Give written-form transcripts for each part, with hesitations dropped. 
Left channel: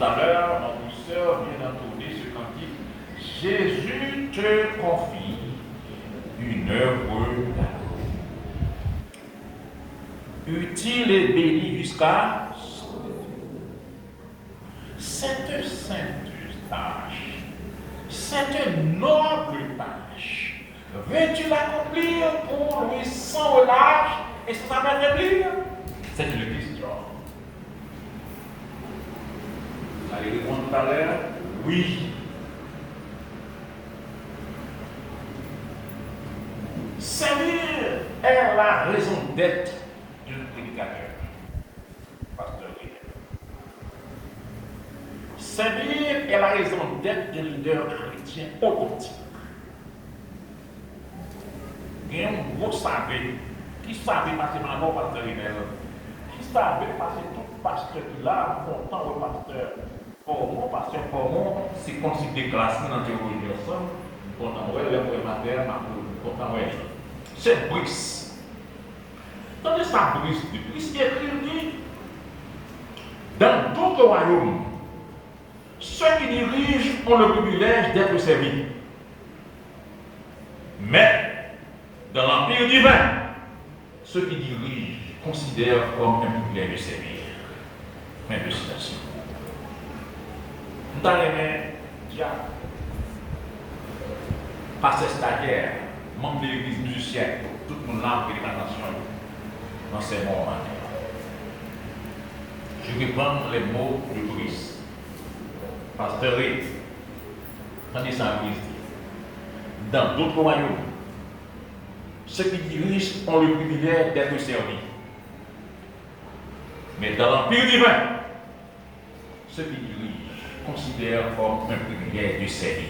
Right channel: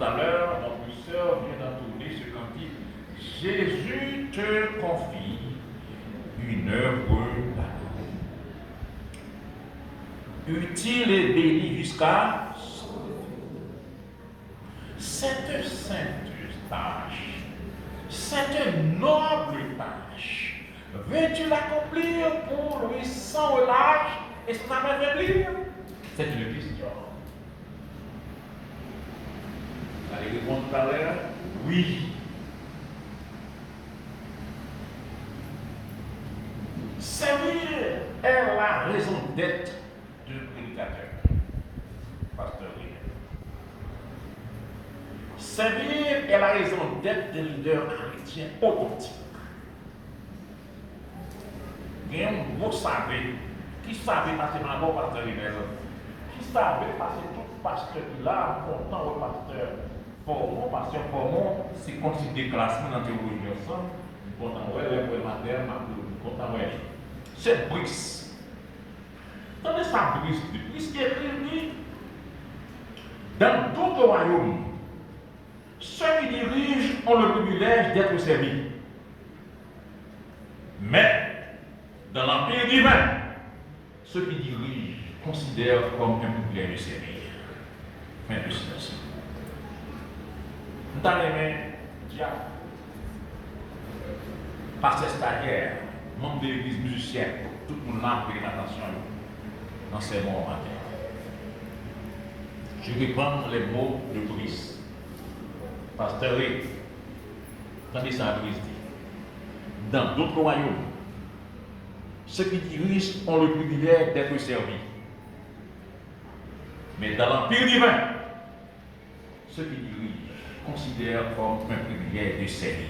Tout à l'heure, notre sœur vient d'entonner ce cantique. Jésus te confie une œuvre d'amour. Utile et bénie jusqu'à cette sainte tâche, cette noble tâche. Veux-tu l'accomplir pour lui sans relâche et sans m'affaiblir? C'est une question. Vous allez répondre tout à l'heure, oui. Servir est la raison d'être d'un prédicateur. Pasteur Rivet. Servir est la raison d'être d'un leader chrétien authentique. Il y a un gros savait qui savait passer ma mort, pasteur Rivet. Qui savait passer tout pasteur qui là, content au pasteur. Pour mon pasteur, pour moi, c'est comme si des classements dans théologie ensemble. Content, ouais, le matin, ma content, ouais. C'est Brice. Tandis ça, Brice, Brice qui écrit, dans d'autres royaumes, ceux qui dirigent ont le privilège d'être servis. Mais, dans l'Empire divin, ceux qui dirigent considèrent comme un privilège de servir. Fin de citation. Nous avons déjà passé stagiaire, membre de l'église musicienne, tout le monde là qui est attention dans ces moments. Je vais prendre les mots de Brice. Pasteur Rivet, tandis ça Brice dit, dans d'autres royaumes, ceux qui dirigent ont le privilège d'être servis. Mais dans l'Empire divin, ceux qui dirigent considèrent comme un privilège de servir.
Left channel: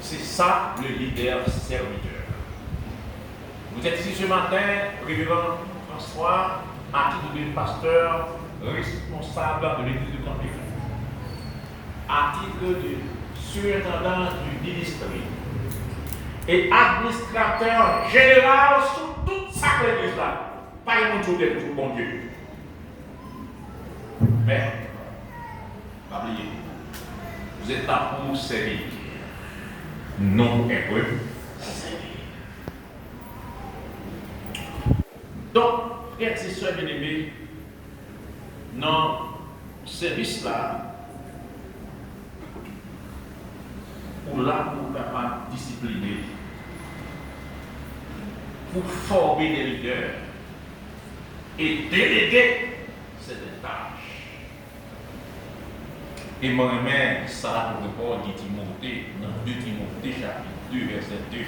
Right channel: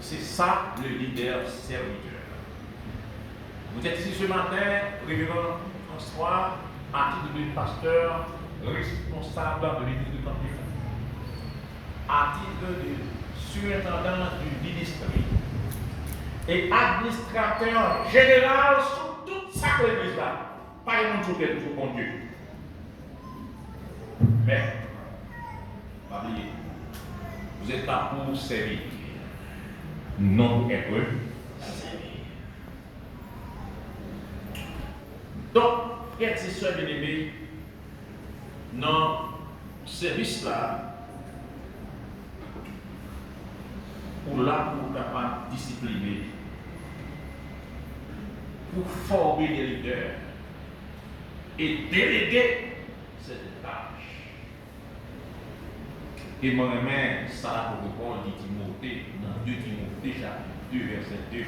C'est ça le leader serviteur. Vous êtes ici ce matin, révérend François, à titre de pasteur responsable de l'église de Campus, à titre de surintendant du ministère et administrateur général sur toute sa église là. Pas une chose d'être tout bon Dieu. Mais, oubliez, vous êtes là pour servir. Non hébreu, servir. Donc, frères et sœurs bien-aimés, dans ce service-là, ou là pour capable discipliner, pour former des leaders et déléguer cette tâche. Et moi-même, ça pour répondre dit Timothée, dans 2 Timothée chapitre 2, verset 2,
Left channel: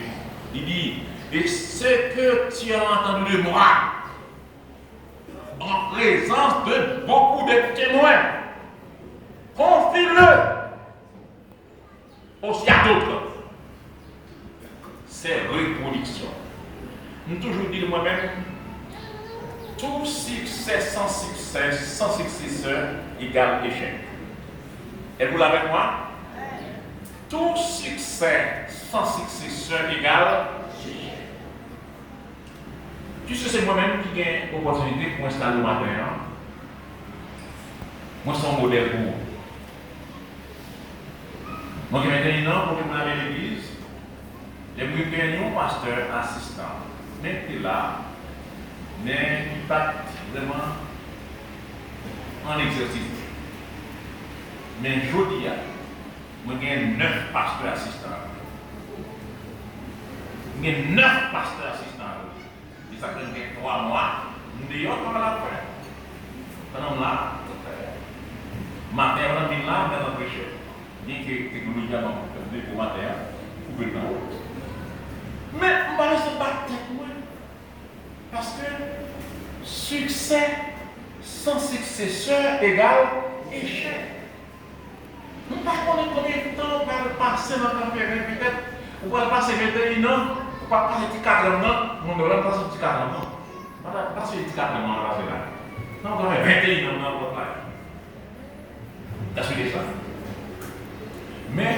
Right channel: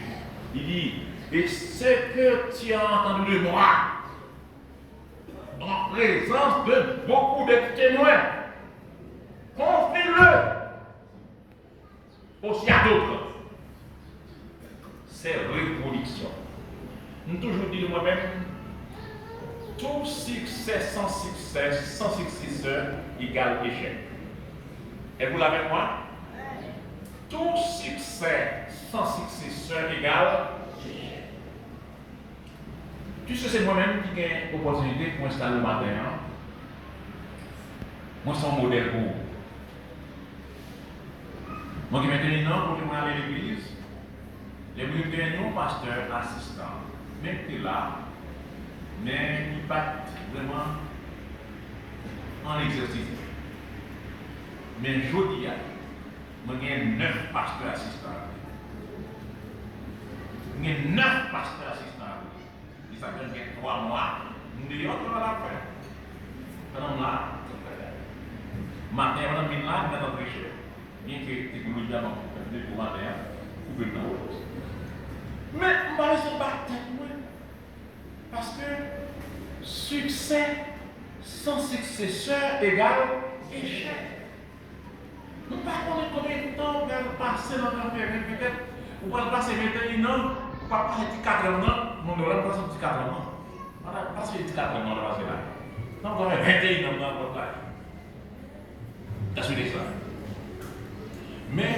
il dit, et ce que tu as entendu de moi, en présence de beaucoup de témoins, confie-le aussi à d'autres. C'est reproduction. Nous toujours dire moi-même, tout succès sans successeur égale échec. Êtes-vous là avec moi? Tout succès sans successeur égale échec. Puisque c'est moi-même qui ai l'opportunité pour installer le matin, moi je suis un modèle pour vous. Moi qui maintenant, pour que je m'aille à l'église, j'ai pris un pasteur assistant. Mettez là, mais il n'est pas vraiment en exercice. Mais je dis, moi j'ai 9 pasteurs assistants. J'ai 9 pasteurs assistants. Ça fait 3 mois, nous disons qu'on va la faire. Pendant là, matin, on a mis là, dans notre péché. Bien que technologie a fait pour matin, vous pouvez le faire. Mais on va se battre pour parce que succès sans successeur égale échec. Nous ne savons pas combien de temps on va passer dans le café, peut-être, on va passer 21 ans. Pas passer 4 ans, on ne va pas passer 4 ans. On va passer 4 ans, on va passer là. Non, on va faire 21 ans dans votre life. Est-ce que c'est ça? Mais,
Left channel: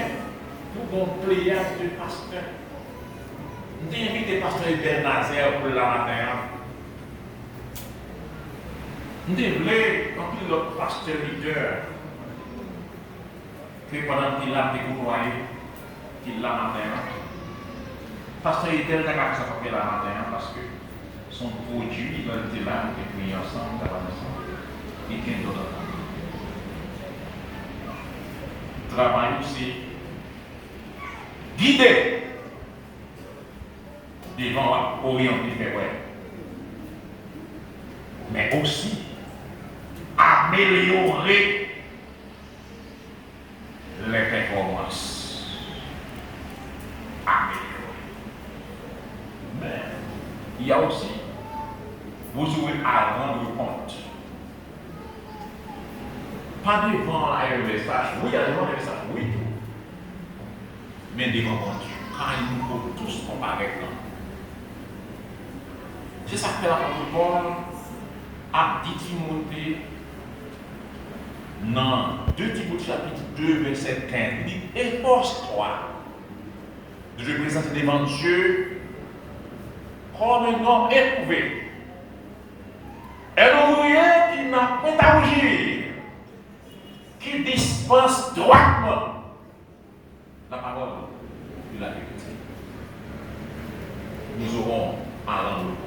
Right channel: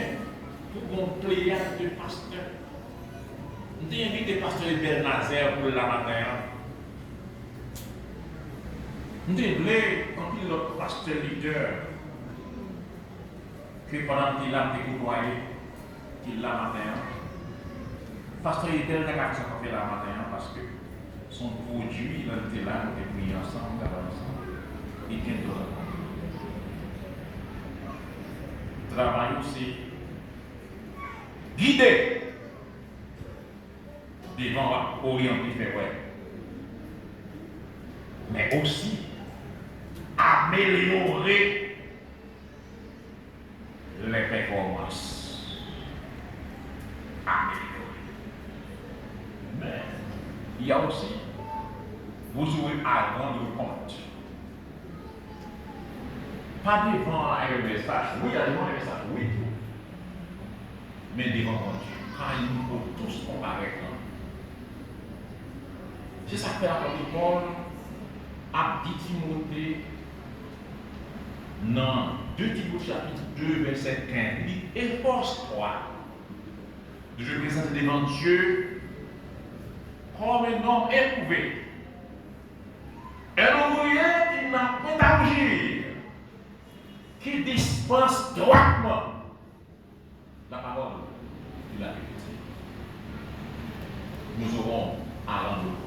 pour un pléiade de pasteurs, nous avons invité le pasteur Hubert Nazaire pour le matin. Nous devons, quand il est pasteur leader, que pendant qu'il a découvert, qu'il l'a matin, pasteur leader a fait la matin parce que son produit, il était là, nous avons pris ensemble, et qu'il d'autre. Travail aussi guider devant orienter fait ouais. Mais aussi améliorer les performances. Améliorer. Mais il y a aussi, vous aurez à rendre compte. Pas devant un message, oui, devant un message, oui. Mais devant Dieu, quand il nous faut tous comparer. C'est ça que l'apôtre Paul a dit Timothée dans 2 Timothée chapitre 2, verset 15. Il dit, efforce-toi de te présenter devant Dieu comme un homme éprouvé. Un ouvrier qui n'a pas à rougir, qui dispense droitement la parole de la vérité. Nous aurons à rendre compte.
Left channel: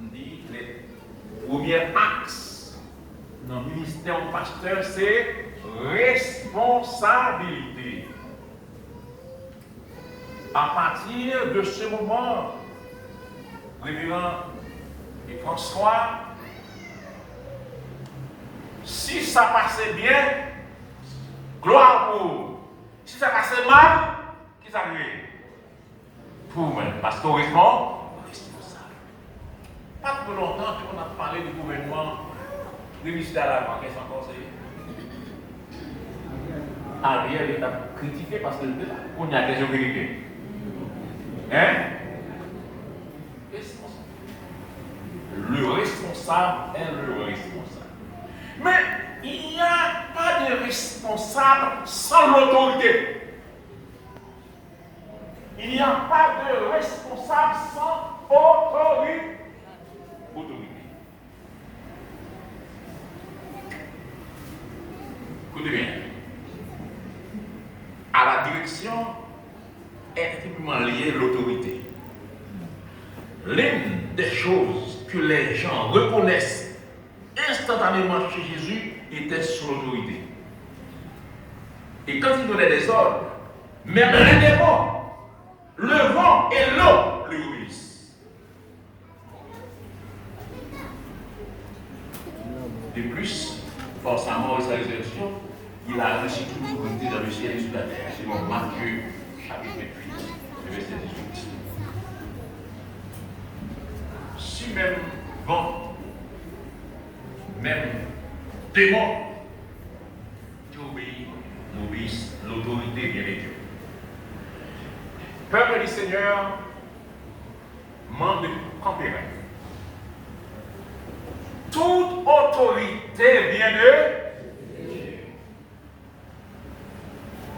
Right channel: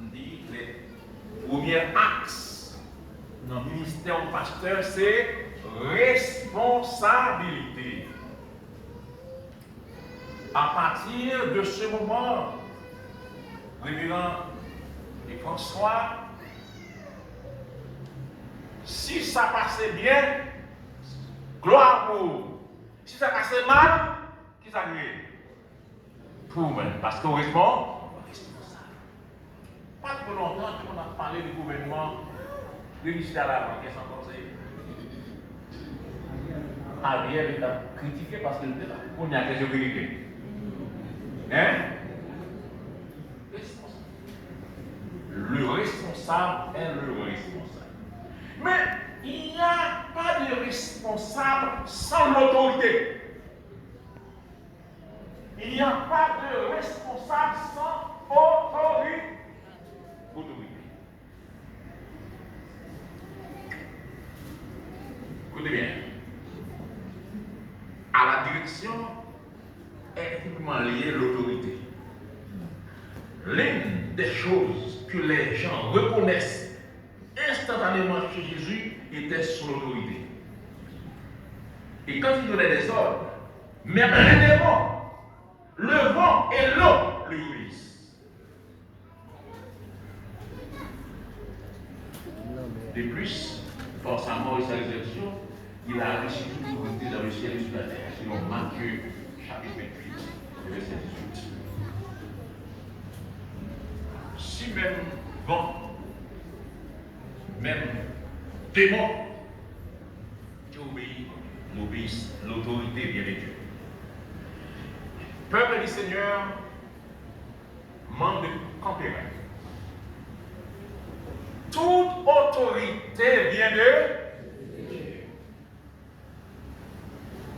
On dit que le premier axe dans le ministère du pasteur, c'est responsabilité. À partir de ce moment, révérend et François, si ça passait bien, gloire pour vous. Si ça passait mal, qui ça arrive? Pour moi, pastorisme, responsable. Pas pour longtemps qu'on a parlé du gouvernement, du ministère de la Banque sans conseil. Ariel est critiqué parce que on y a question vérité. Hein? Le responsable est le responsable. Mais il n'y a pas de responsable sans l'autorité. Il n'y a pas de responsable sans autorité. Écoutez bien. À la direction est intimement liée l'autorité. L'une des choses que les gens reconnaissent instantanément chez Jésus était son autorité. Et quand il donnait des ordres, même les démons, le vent et l'eau lui obéissent. De plus, forcément, sa résurrection, il a reçu toute l'autorité dans le ciel et sur la terre. C'est dans Matthieu chapitre 28, verset 18. Si même vent, même démon, tu obéis, l'autorité vient de Dieu. Peuple du Seigneur, membre de Campéra. Toute autorité vient de